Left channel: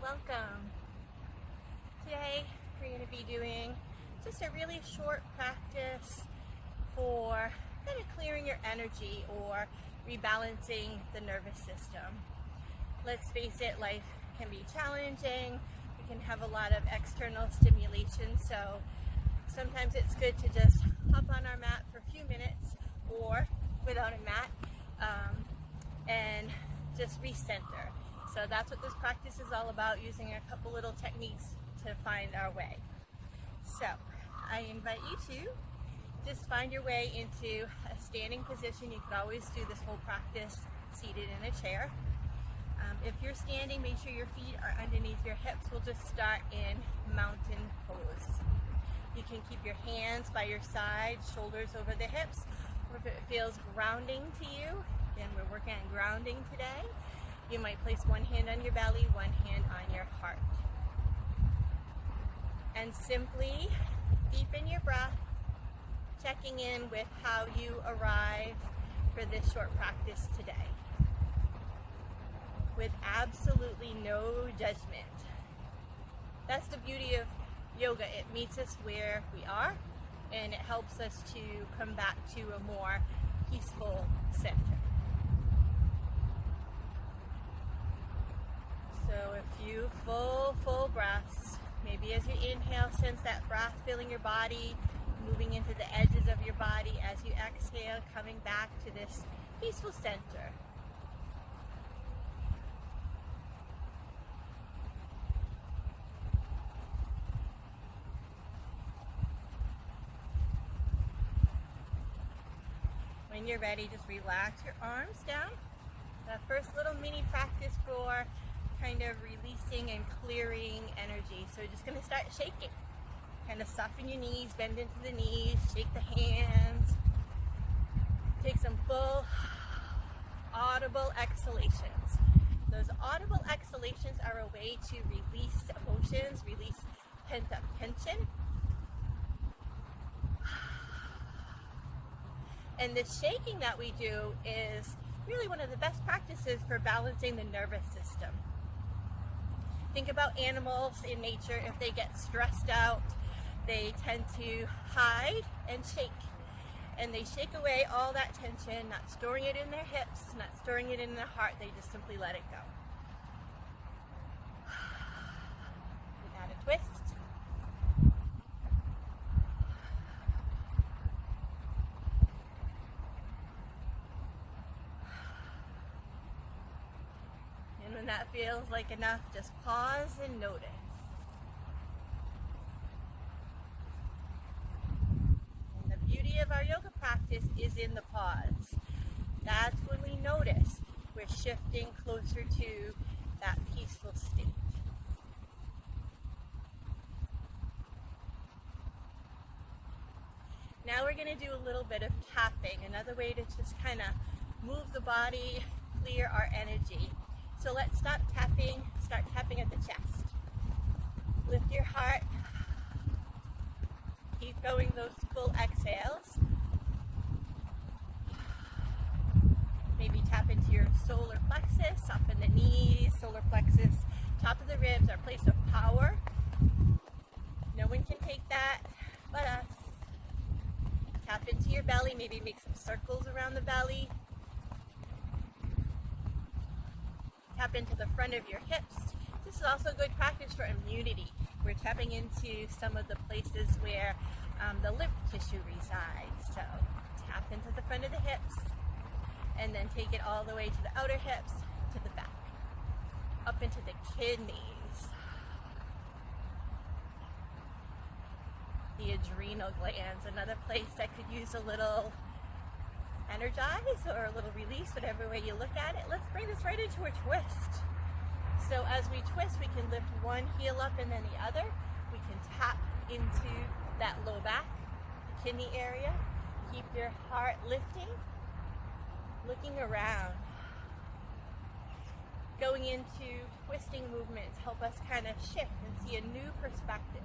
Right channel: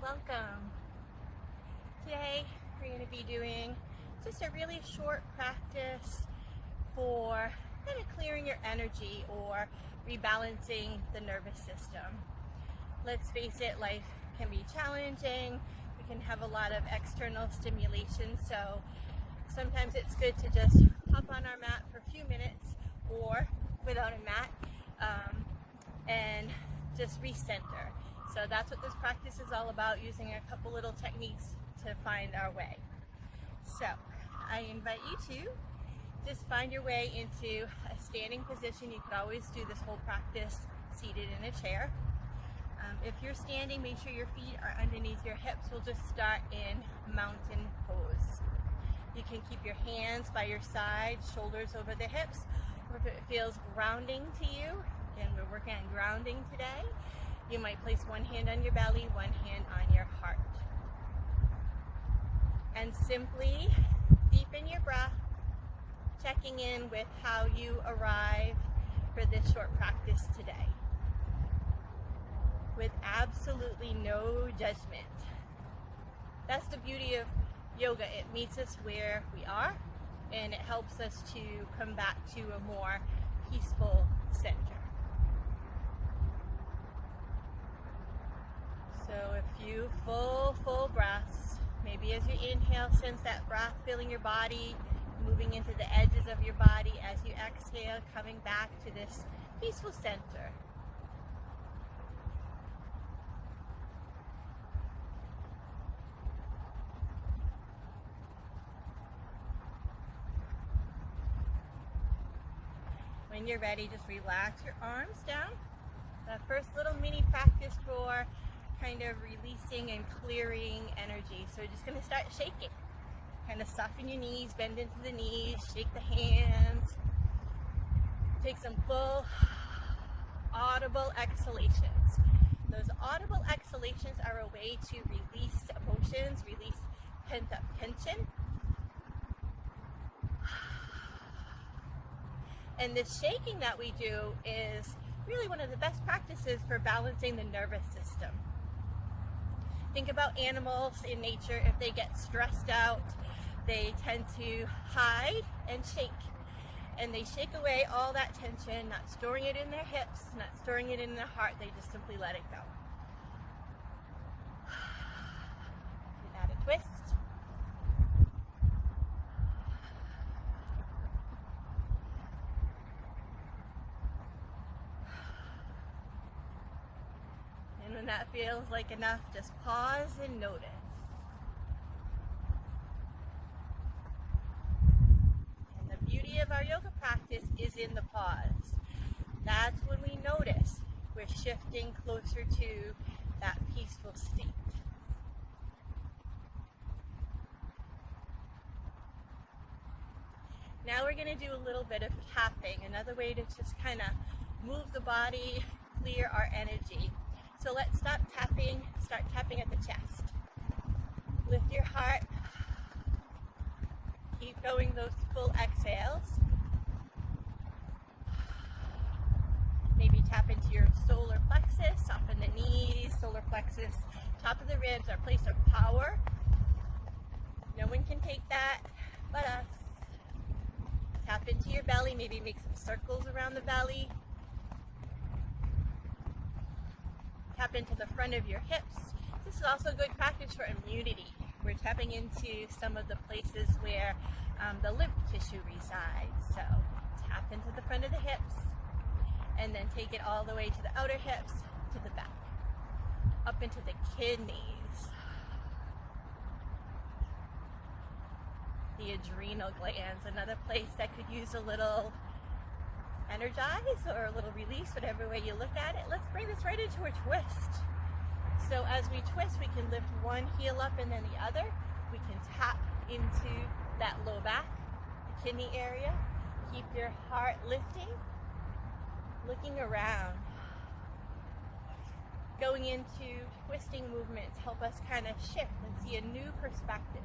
welcome. Today we're going to be doing just a really short practice for kind of clearing your energy or rebalancing the nervous system. Let's face it, life can be challenging. We can have a lot of external stimulation, so sometimes it's good to just hop on our mat for a few minutes or without a mat and just recenter. So that's what this practice is all about, using a couple little techniques to find our way. So I invite you to just find your way into a standing position. You could always do this whole practice seated in a chair. If you're standing, make sure your feet are underneath your hips. We'll just start in mountain pose. You can keep your hands by your side, shoulders over the hips, or if it feels grounding to you, again, we're working on grounding today, you might place one hand on your belly, one hand on your heart. And simply deepen your breath, checking in with how you arrive for this short practice today, with absolutely no judgment. That's the beauty of yoga. It meets us where we are, and it helps us to come back to a more peaceful center. So a few full breaths. Maybe as you inhale, sense that breath filling your body, moving into the edges of your body. As you exhale, coming back to this peaceful center. When you're ready, just relax your arms down. That first little mini practice for kind of releasing and clearing energy. So we're just going to start shaking. Kind of soften your knees, bend into the knees, shake the hands. Take some full audible exhalations. Those audible exhalations are a way to release emotions, release pent-up tension. And this shaking that we do is really one of the best practices for balancing the nervous system. Think about animals in nature. If they get stressed out, they tend to hide and shake. And they shake away all that tension, not storing it in their hips, not storing it in their heart. They just simply let it go. And add a twist. And when that feels like enough, just pause and notice. And the beauty of our yoga practice is in the pause. That's when we notice we're shifting closer to that peaceful state. Now we're going to do a little bit of tapping, another way to just kind of move the body, clear our energy. So let's start tapping at the chest. Lift your heart. Keep going those full exhales. Maybe tap into your solar plexus, soften the knees, solar plexus, top of the ribs, our place of power. No one can take that but us. Tap into your belly, maybe make some circles around the belly. Tap into the front of your hips. This is also good practice for immunity. We're tapping into some of the places where the lymph tissue resides. So tap into the front of the hips and then take it all the way to the outer hips, to the back, up into the kidneys, the adrenal glands, another place that could use a little energize or a little release, whatever way you look at it. Let's bring this right into a twist. So as we twist, we can lift one heel up and then the other. We can tap into that low back, the kidney area. Keep your heart lifting, looking around. Going into twisting movements help us kind of shift and see a new perspective.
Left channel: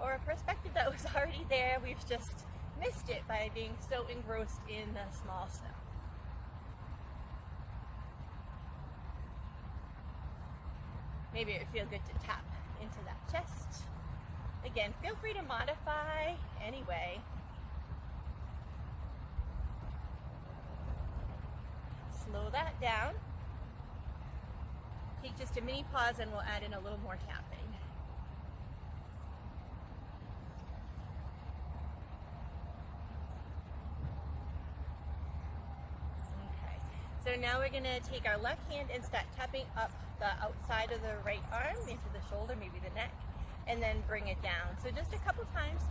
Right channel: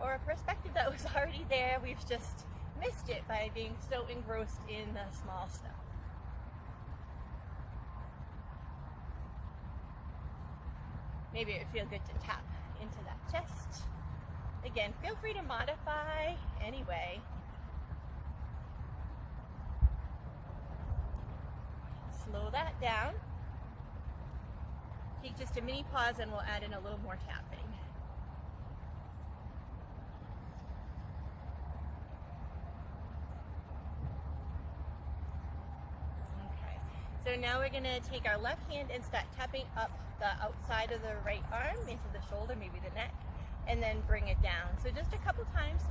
Or a perspective that was already there, we've just missed it by being so engrossed in the small stuff. Maybe it would feel good to tap into that chest. Again, feel free to modify anyway. Slow that down. Take just a mini pause and we'll add in a little more tapping. Okay, so now we're gonna take our left hand and start tapping up the outside of the right arm into the shoulder, maybe the neck, and then bring it down. So just a couple times,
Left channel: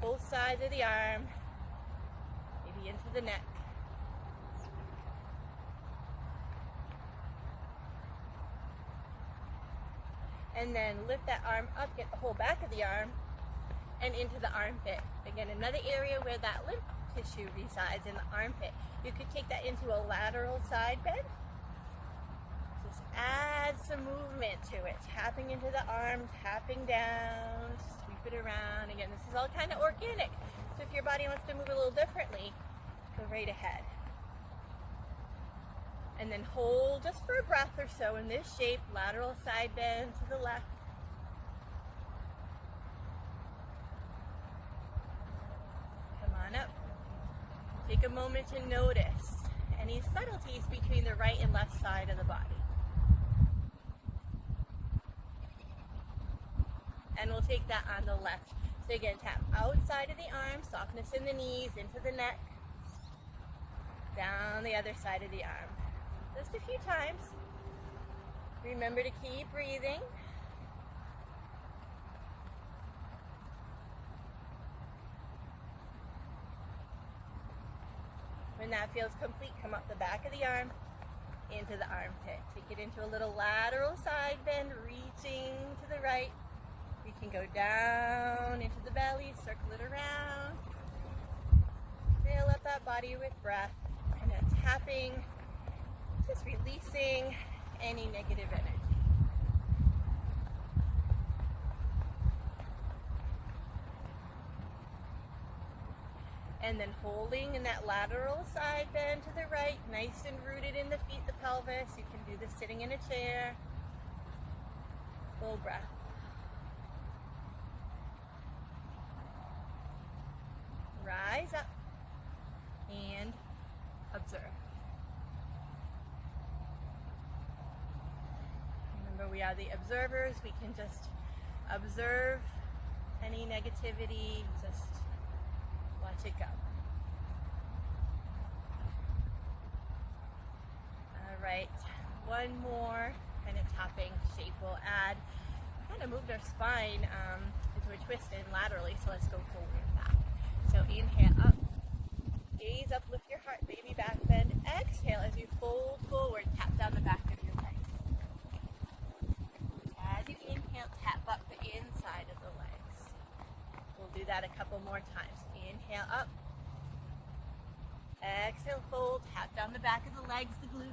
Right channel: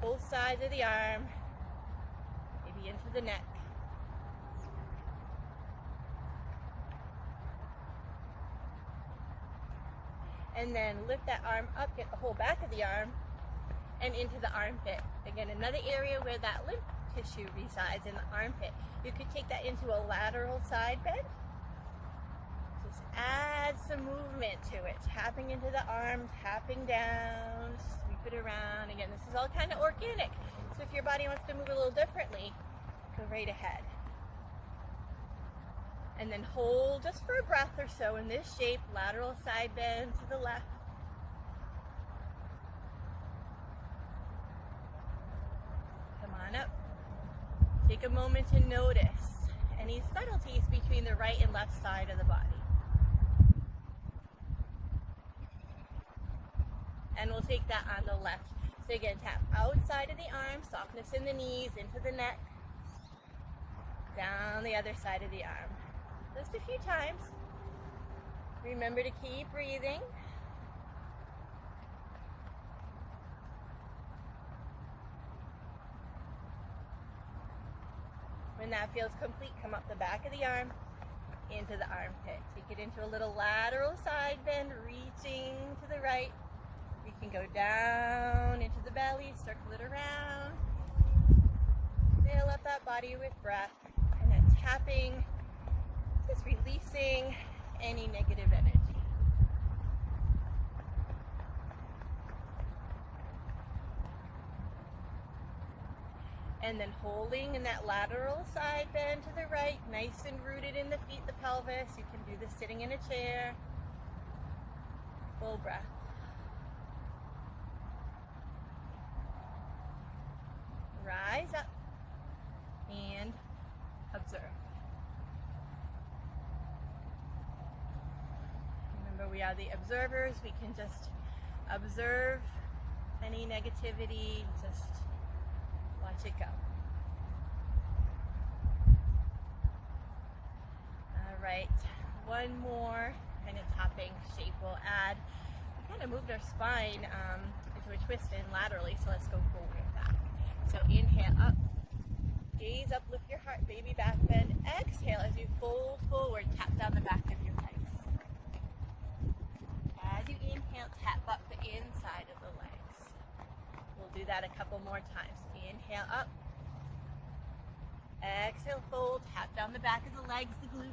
both sides of the arm, maybe into the neck. And then lift that arm up, get the whole back of the arm and into the armpit. Again, another area where that lymph tissue resides, in the armpit. You could take that into a lateral side bend. Just add some movement to it. Tapping into the arm, tapping down, sweep it around. Again, this is all kind of organic. So if your body wants to move a little differently, go right ahead. And then hold just for a breath or so in this shape, lateral side bend to the left. Come on up. Take a moment to notice any subtleties between the right and left side of the body. And we'll take that on the left. So again, tap outside of the arm, softness in the knees, into the neck, down the other side of the arm. Just a few times. Remember to keep breathing. When that feels complete, come up the back of the arm, into the armpit. Take it into a little lateral side bend, reaching to the right. We can go down into the belly, circle it around. Fill up that body with breath, and then tapping, just releasing any negative energy. And then holding in that lateral side bend to the right, nice and rooted in the feet, the pelvis. You can do this sitting in a chair. Full breath. Rise up and observe. Remember, we are the observers. We can just observe any negativity, just watch it go. All right, one more kind of tapping shape we'll add. We kind of moved our spine into a twist in laterally, so let's go forward and back. So inhale up, gaze up, lift your heart, baby back bend. Exhale as you fold forward, tap down the back of your legs. As you inhale, tap up the inside of the legs. We'll do that a couple more times. Inhale up. Exhale, fold, tap down the back of the legs, the glutes.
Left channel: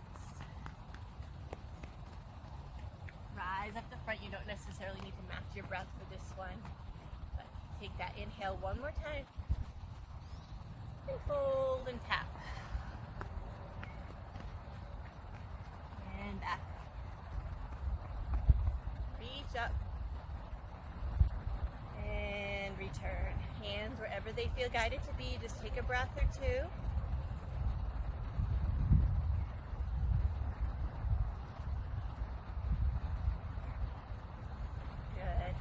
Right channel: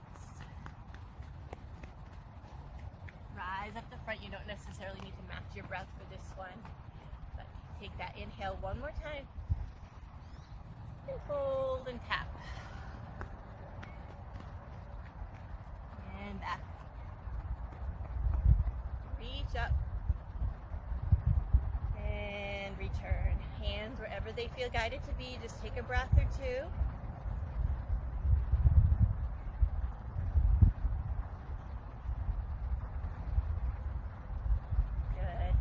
Rise up the front. You don't necessarily need to match your breath for this one, but take that inhale one more time. And fold and tap. And back up. Reach up. And return. Hands wherever they feel guided to be. Just take a breath or two. Good.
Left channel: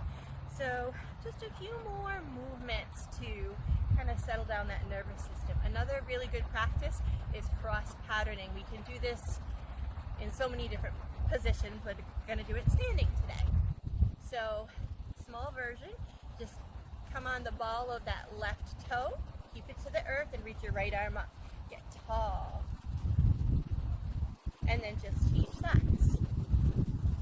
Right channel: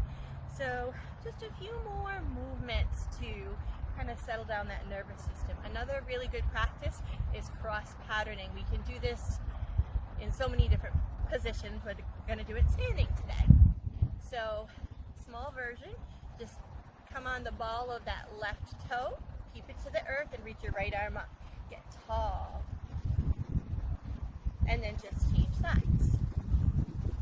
So just a few more movements to kind of settle down that nervous system. Another really good practice is cross patterning. We can do this in so many different positions. We're going to do it standing today. So small version, just come on the ball of that left toe, keep it to the earth and reach your right arm up. Get tall. And then just change sides.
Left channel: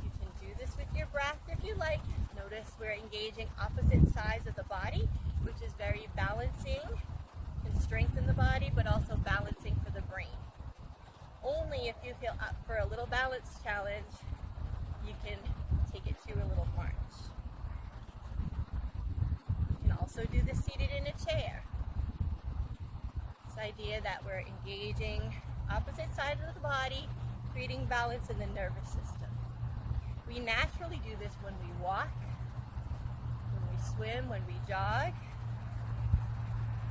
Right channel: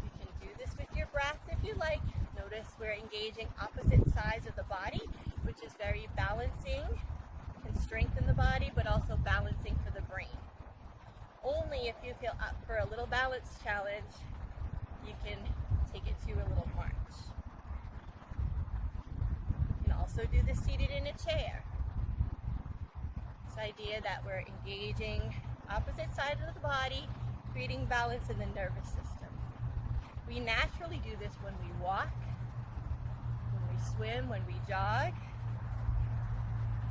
You can do this with your breath if you like. Notice we're engaging opposite sides of the body, which is very balancing, can strengthen the body, but also balancing for the brain. Only if you feel up for a little balance challenge, you can take it to a little march. You can also do this seated in a chair. This idea that we're engaging opposite sides of the body, creating balance in the nervous system. We naturally do this when we walk, when we swim, when we jog.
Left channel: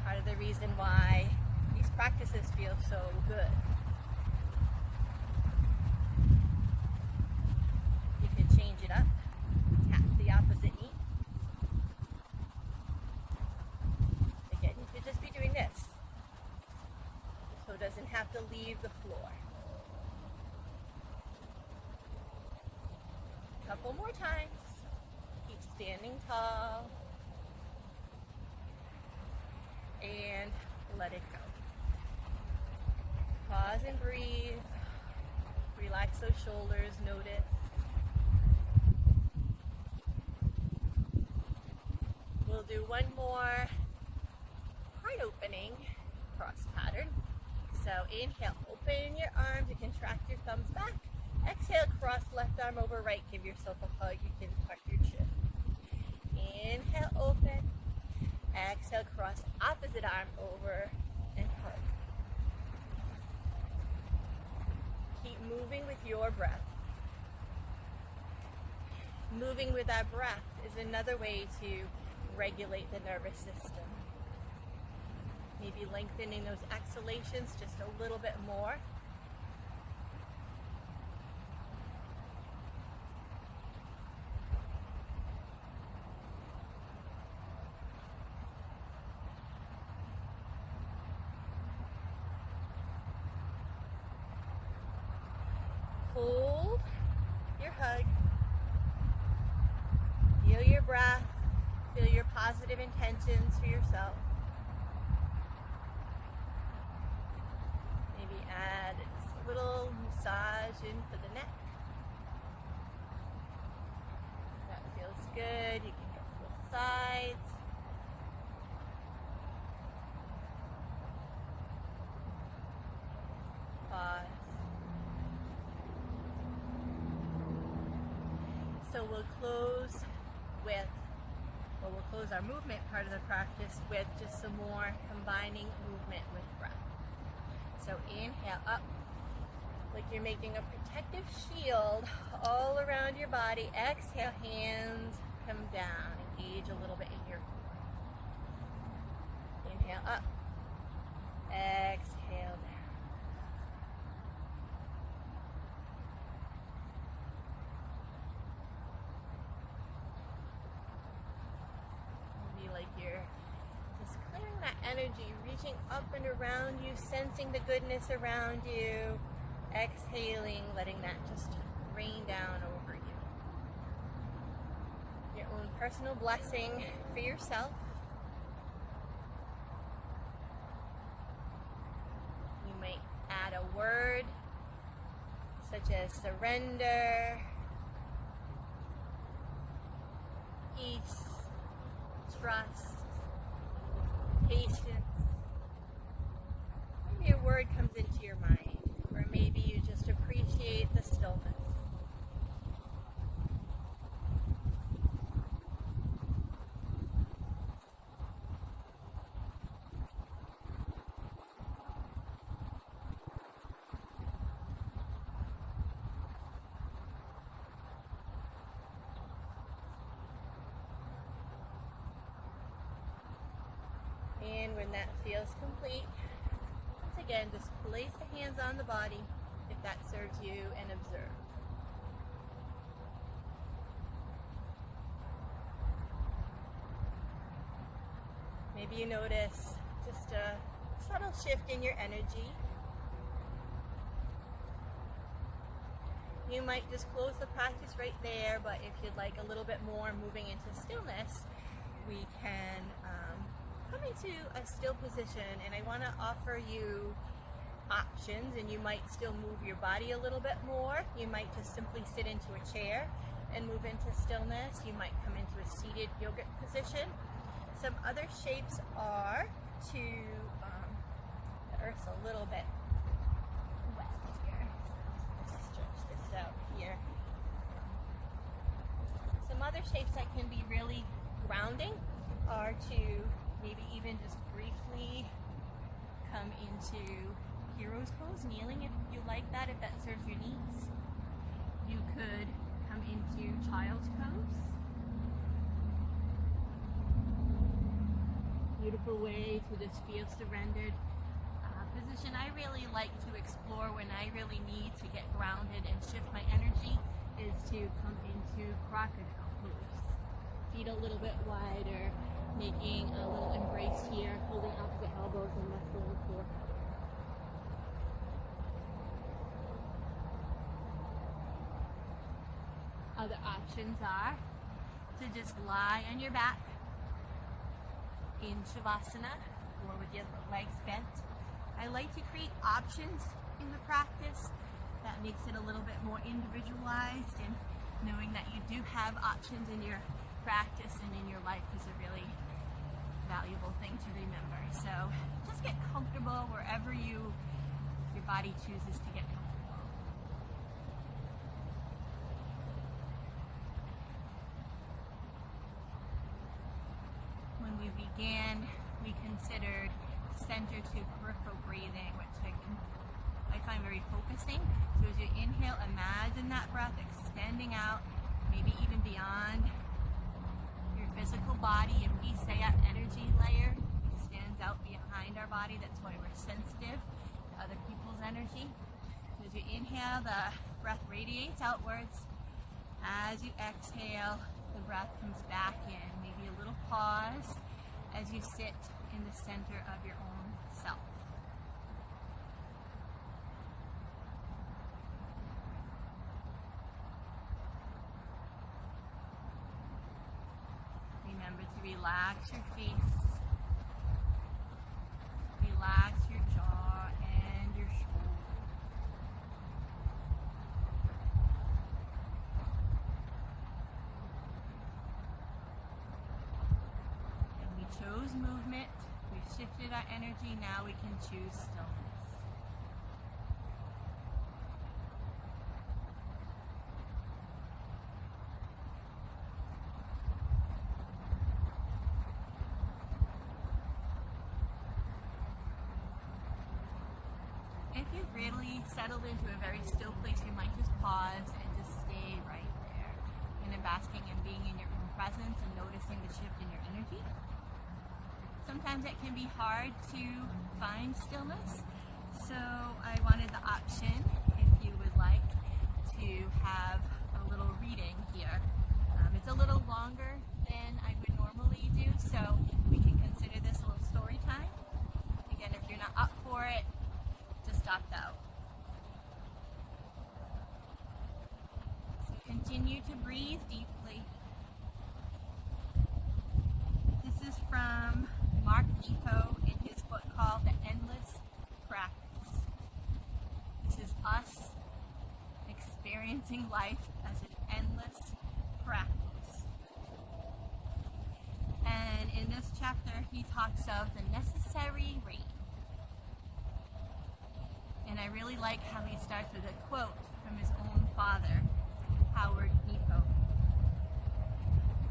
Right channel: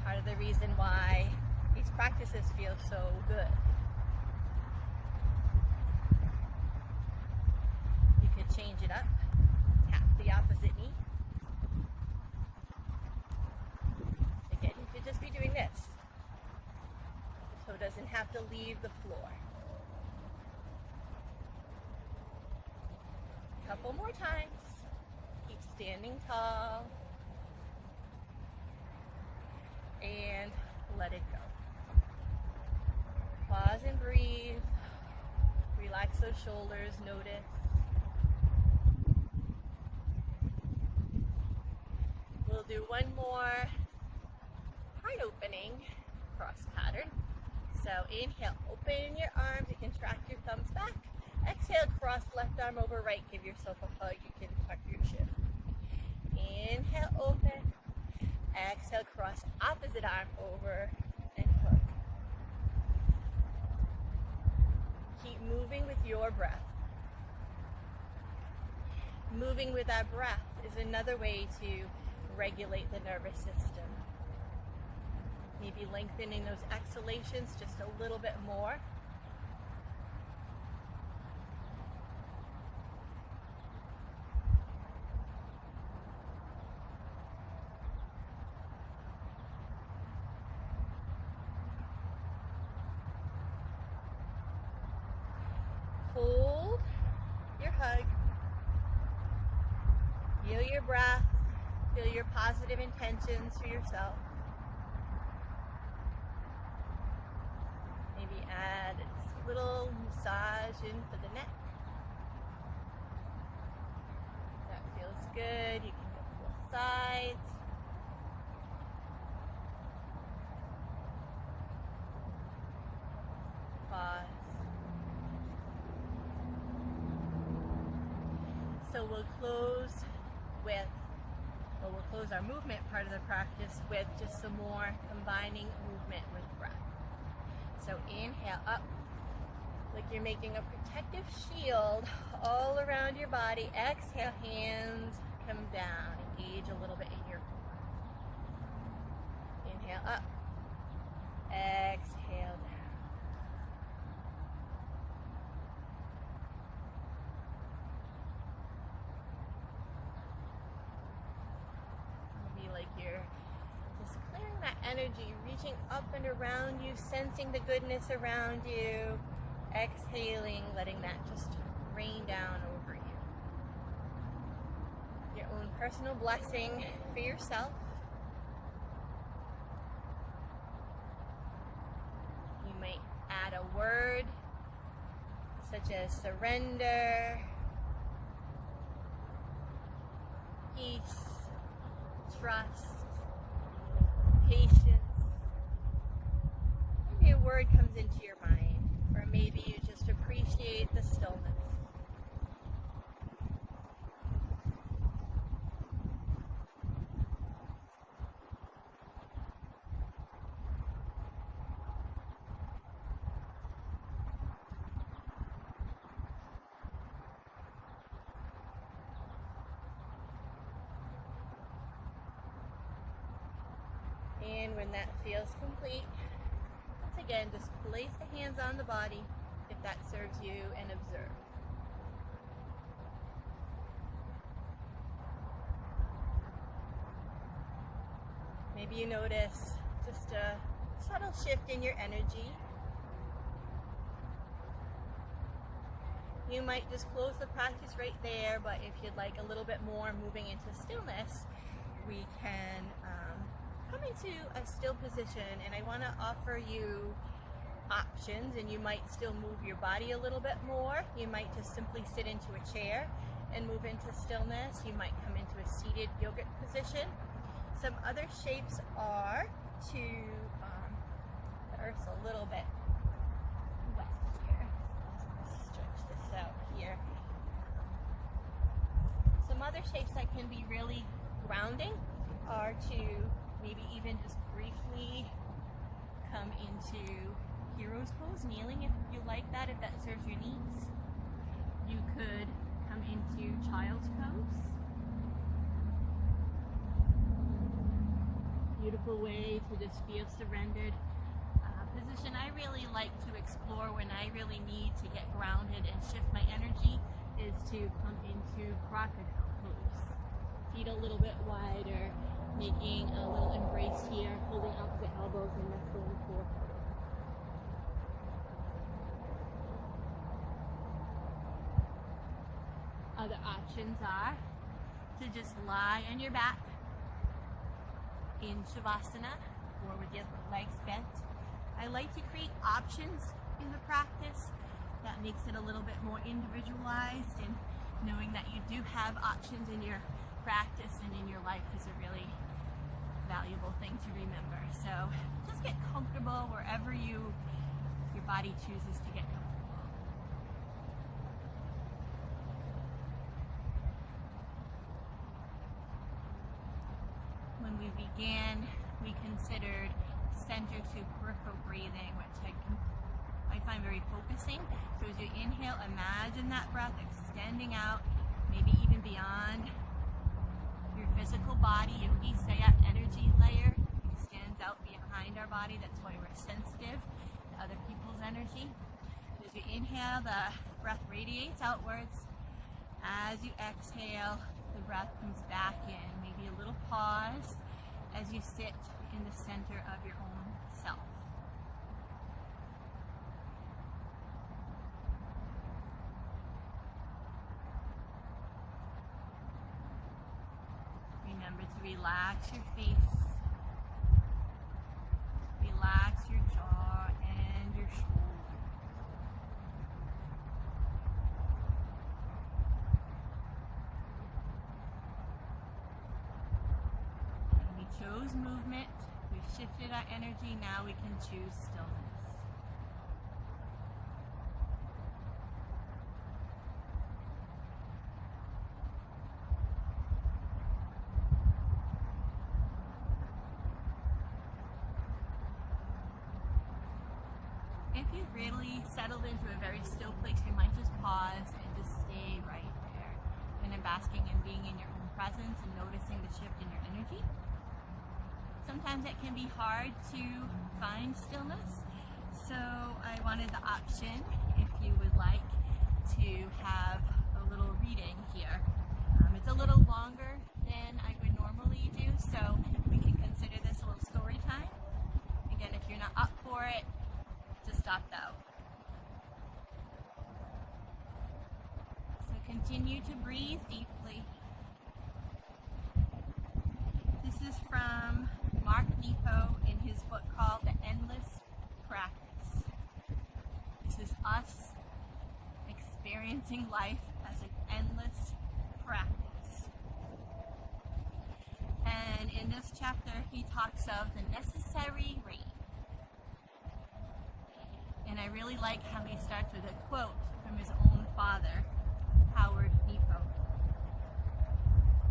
Part of the reason why these practices feel so good. You could change it up, tap the opposite knee. Again, you could just be doing this. The toe doesn't have to leave the floor. Couple more times. Keep standing tall. And let it go. Pause and breathe. Relax those shoulders. Notice. We'll do one more heart opening cross pattern. So inhale, open your arms. You contract your thumbs back. Exhale, cross left arm over right. Give yourself a hug. You can tuck your chin. Inhale, open. Exhale, cross opposite arm over and hug. Keep moving with your breath. Moving with our breath is another way to regulate the nervous system. Maybe lengthening those exhalations just a little bit more. Hold your hug. Feel your breath. Feel your positive intentions for yourself. Maybe add just a little massage in for the neck. That feels good. You can go both sides. Pause. So we'll close our movement part of the practice with just some more combining movement with breath. So inhale up like you're making a protective shield all around your body. Exhale, hands come down. Engage a little bit in your core. Inhale up. Exhale down. Like you're just clearing that energy, reaching up and around you, sensing the goodness around you, exhaling, letting that just rain down over you. Your own personal blessing for yourself. You might add a word such as surrender, peace, trust, patience. Maybe a word comes into your mind, or maybe you just appreciate the stillness. And when that feels complete, once again, just place the hands on the body if that serves you and observe. Maybe you notice just a subtle shift in your energy. You might just close the practice right there, but if you'd like a little bit more moving into stillness, we can come into a still position, and I want to offer you options, and you might still move your body a little bit more. You might just simply sit into a chair and move into stillness. You might come into a seated yogic position. Some other shapes are to, the earth's a little bit wet here, so let's stretch this out here. Some other shapes that can be really grounding are to maybe even just briefly come into hero's pose, kneeling if you like that, if that serves your needs. You could come into beautiful way to just feel surrendered. Position I really like to explore when I really need to get grounded and shift my energy is to come into crocodile pose. Feet a little bit wider, making a little embrace here, holding out the elbows and nestling forward. Other options are to just lie on your back in Shavasana or with your legs bent. I like to create options in the practice. That makes it a little bit more individualized, and knowing that you do have options in your practice and in your life is a really valuable thing to remember. So just get comfortable wherever your body chooses to get comfortable. When we began, we considered center to peripheral breathing, which I find very focusing. So as you inhale, imagine that breath extending out, maybe even beyond your physical body. If we say that energy layer extends out behind our body, that's why we're sensitive to other people's energy. So as you inhale, the breath radiates outwards. As you exhale, the breath comes back in. Maybe a little pause as you sit in the center of your own self. Remember to relax your face, relax your jaw and your shoulders. And we chose movement. We've shifted our energy, now we can choose stillness. If you've really settled into a very still place, you might just pause and just stay right there, kind of basking and being in your own presence and noticing the shift in your energy. Sometimes it can be hard to find stillness, so I wanted the option, if you would like, to have a little reading here. It's a little longer than I would normally do, so we can consider this a little story time. Again, if you're not up for it, just opt out. So continue to breathe deeply. This is from Mark Nepo in his book called The Endless Practice. This is us experiencing life as an endless practice. And in this chapter, he talks of the necessary rain. And I really like how he starts with a quote from his own father, Mark Nepo.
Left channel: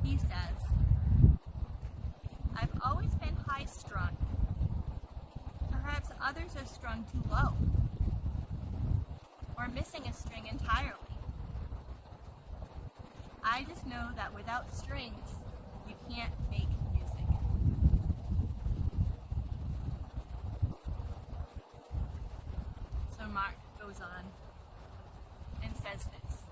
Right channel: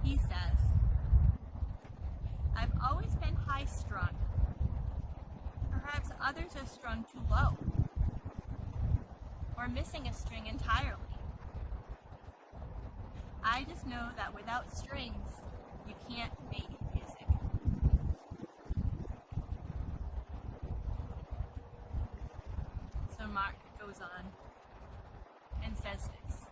He says, "I've always been high-strung. Perhaps others are strung too low, or missing a string entirely. I just know that without strings, you can't make music." So Mark goes on and says this:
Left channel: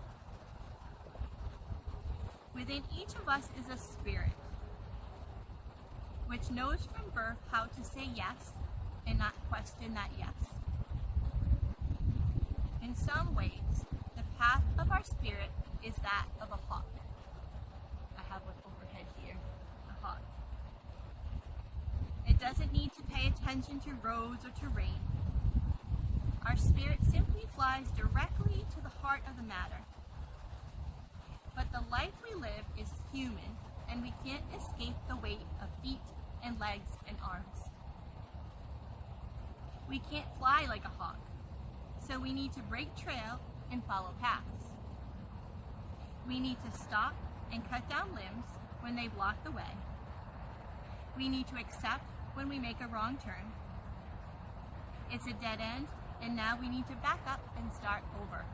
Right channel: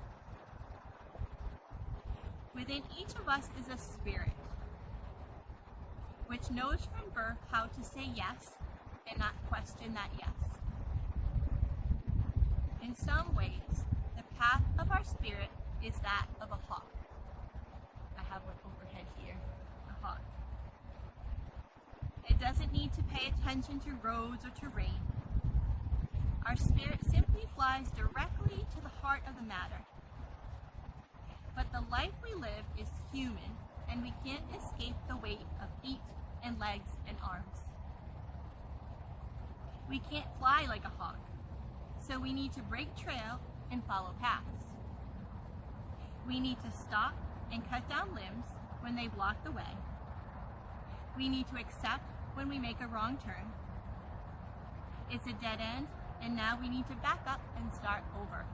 "Within each of us is a spirit, which knows from birth how to say yes and not question that yes. In some ways, the path of our spirit is that of a hawk." I have one overhead here, a hawk. "It doesn't need to pay attention to roads or terrain. Our spirit simply flies directly to the heart of the matter. But the life we live is human, and we can't escape the weight of feet and legs and arms. We can't fly like a hawk, so we need to break trail and follow paths. We need to stop and cut down limbs when they block the way. We need to accept when we make a wrong turn. It's a dead end, and now we need to back up and start over.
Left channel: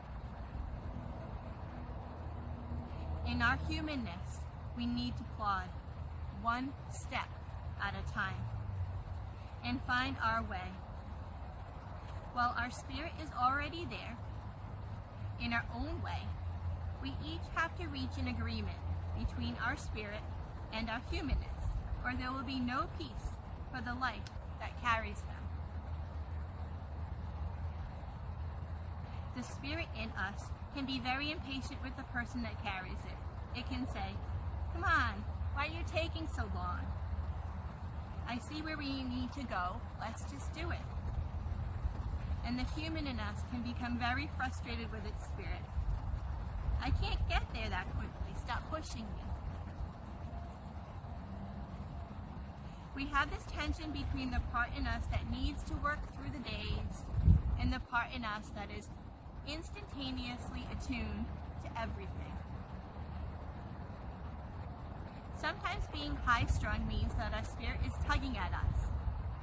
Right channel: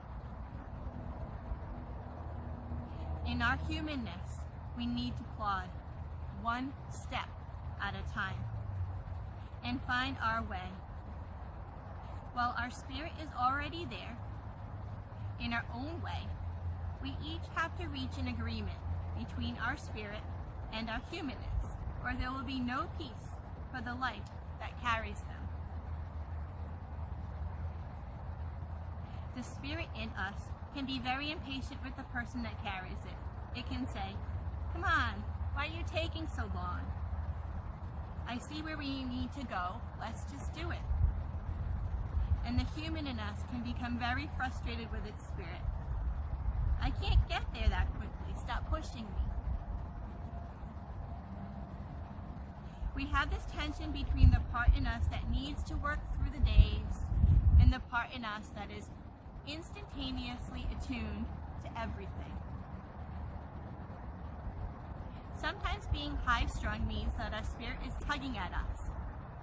In our humanness, we need to plod, one step at a time. and find our way. While our spirit is already there, in our own way, we each have to reach an agreement between our spirit and our humanness, or there will be no peace for the life that carries them. The spirit in us can be very impatient with the person that carries it. It can say, "Come on, why are you taking so long? I see where we need to go, let's just do it." And the human in us can become very frustrated with its spirit. "I can't get there that quickly, stop pushing me." We have this tension between the part in us that needs to work through the days and the part in us that is instantaneously attuned to everything. Sometimes being high-strung means that our spirit is tugging at us,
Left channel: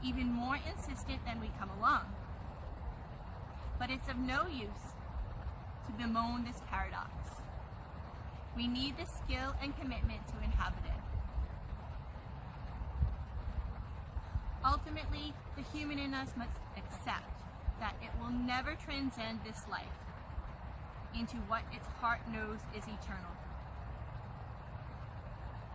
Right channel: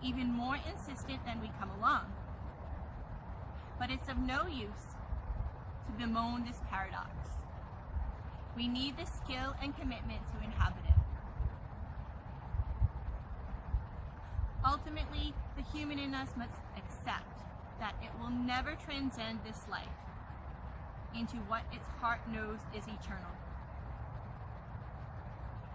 even more insistent than we come along. But it's of no use to bemoan this paradox. We need the skill and commitment to inhabit it. Ultimately, the human in us must accept that it will never transcend this life into what its heart knows is eternal.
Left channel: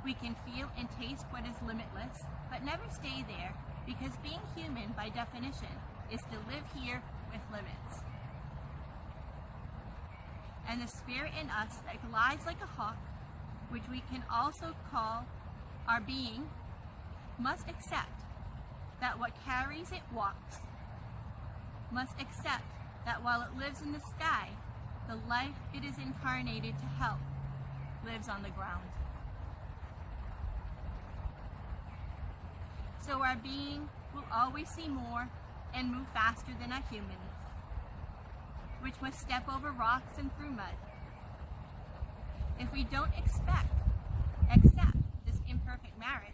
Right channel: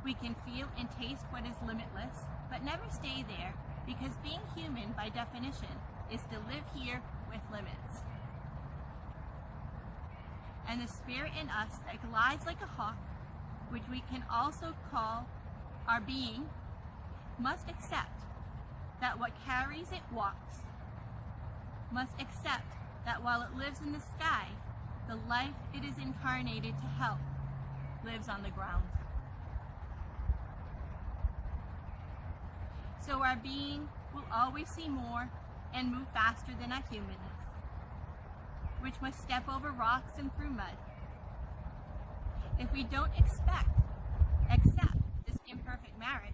We can feel and taste what is limitless, but never stay there, because being human, by definition, is to live here with limits. And the spirit in us that glides like a hawk, which we can also call our being, must accept that what carries it walks, must accept that while it lives in the sky, the life it is incarnated to help lives on the ground. So our being will always see more and move faster than our humanness, which must step over rocks and through mud. If we don't accept this imperfect marriage,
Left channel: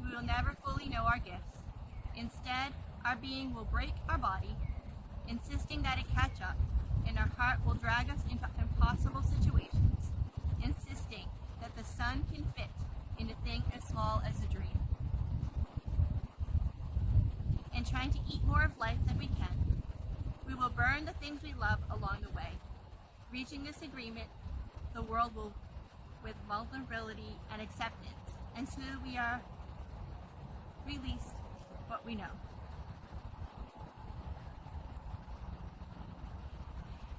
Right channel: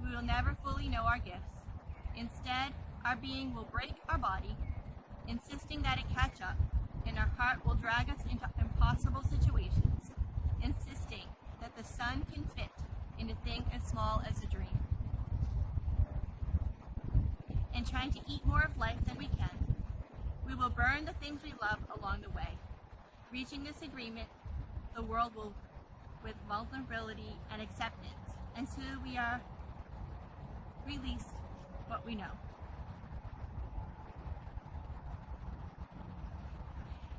we will never fully know our gifts. Instead, our being will break our body, insisting that it catch up, and our heart will drag us into impossible situations, insisting that the sun can fit in a thing as small as a dream. And trying to eat more of life than we can, we will burn the things we love along the way. Reaching this agreement, the world will, with vulnerability and acceptance, until we are released what we know.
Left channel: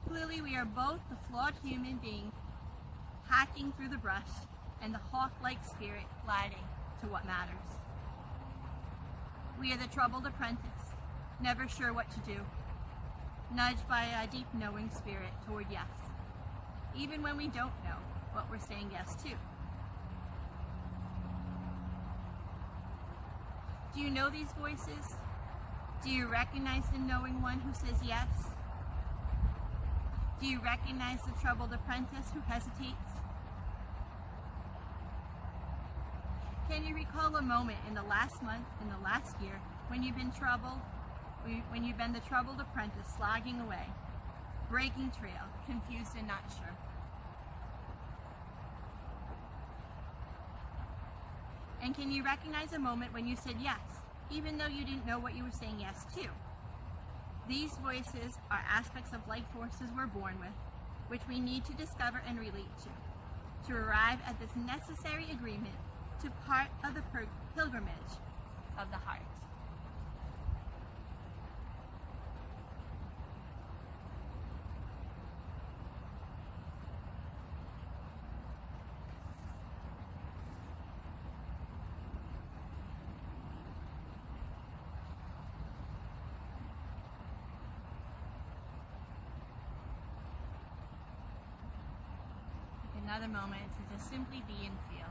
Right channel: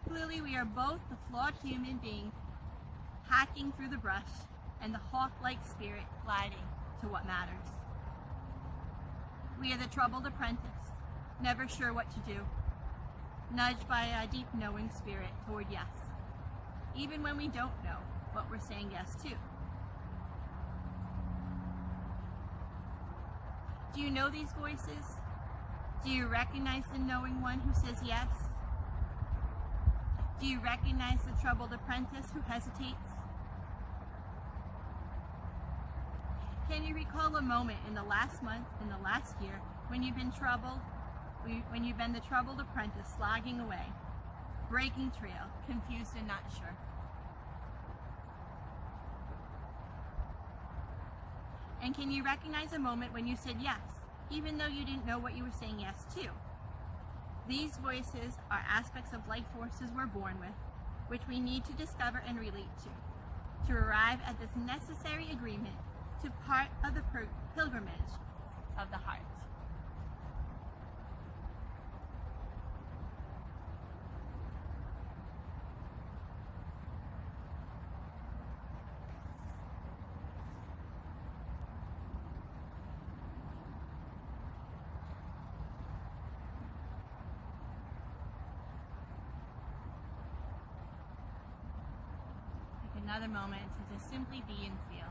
Clearly, we are both the flawed human being hacking through the brush and the hawk-like spirit gliding to what matters. We are the troubled apprentice, never sure what to do, nudged by a deep knowing spirit toward yes, even when we don't know what we're saying yes to. Do you know these voices? Do you recognize the knowing one who says yes? Do you recognize the troubled apprentice who hesitates? Can you recall a moment in the last month, in the last year, when you've been troubled, when you've been the troubled apprentice slogging away, breaking trail, confused and not sure? And can you recognize a moment when you said yes, even though you didn't know what you were saying yes to? These voices are aspects of life forces we're born with, which we need to discover and relate to arrive at this necessary agreement to part of the pilgrimage of the heart. Take another moment to just simply be and feel.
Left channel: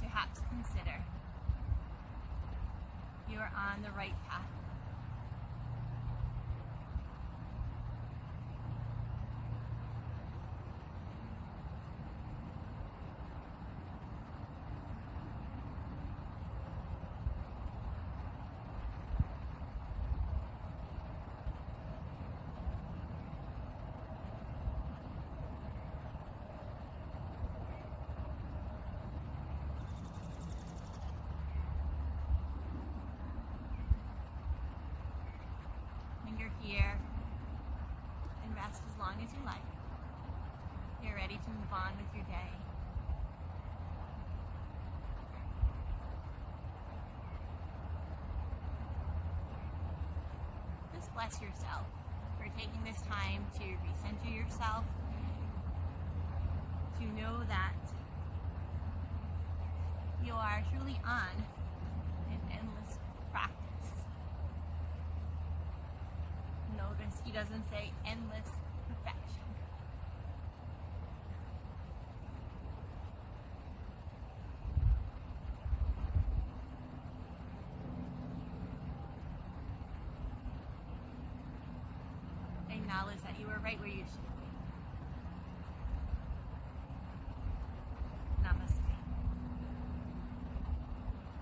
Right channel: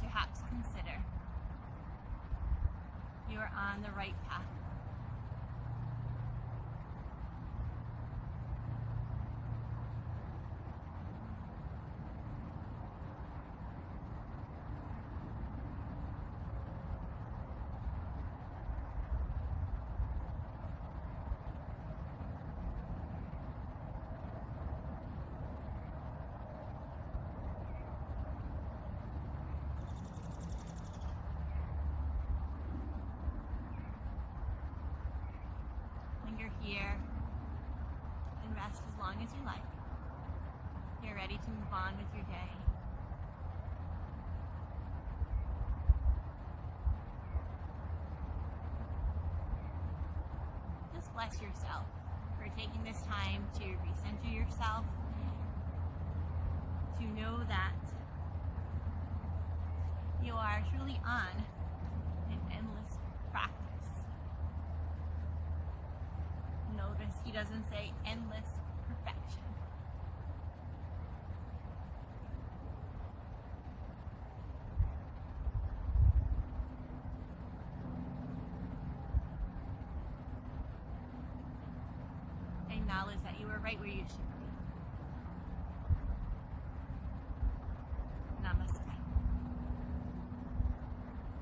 Perhaps consider you are on the right path. linger here and rest as long as you like. You're ready to move on with your day. Just bless yourself for taking this time to recenter yourself, to know that you are truly on an endless practice. Notice he doesn't say endless perfection. Acknowledge that you are right where you should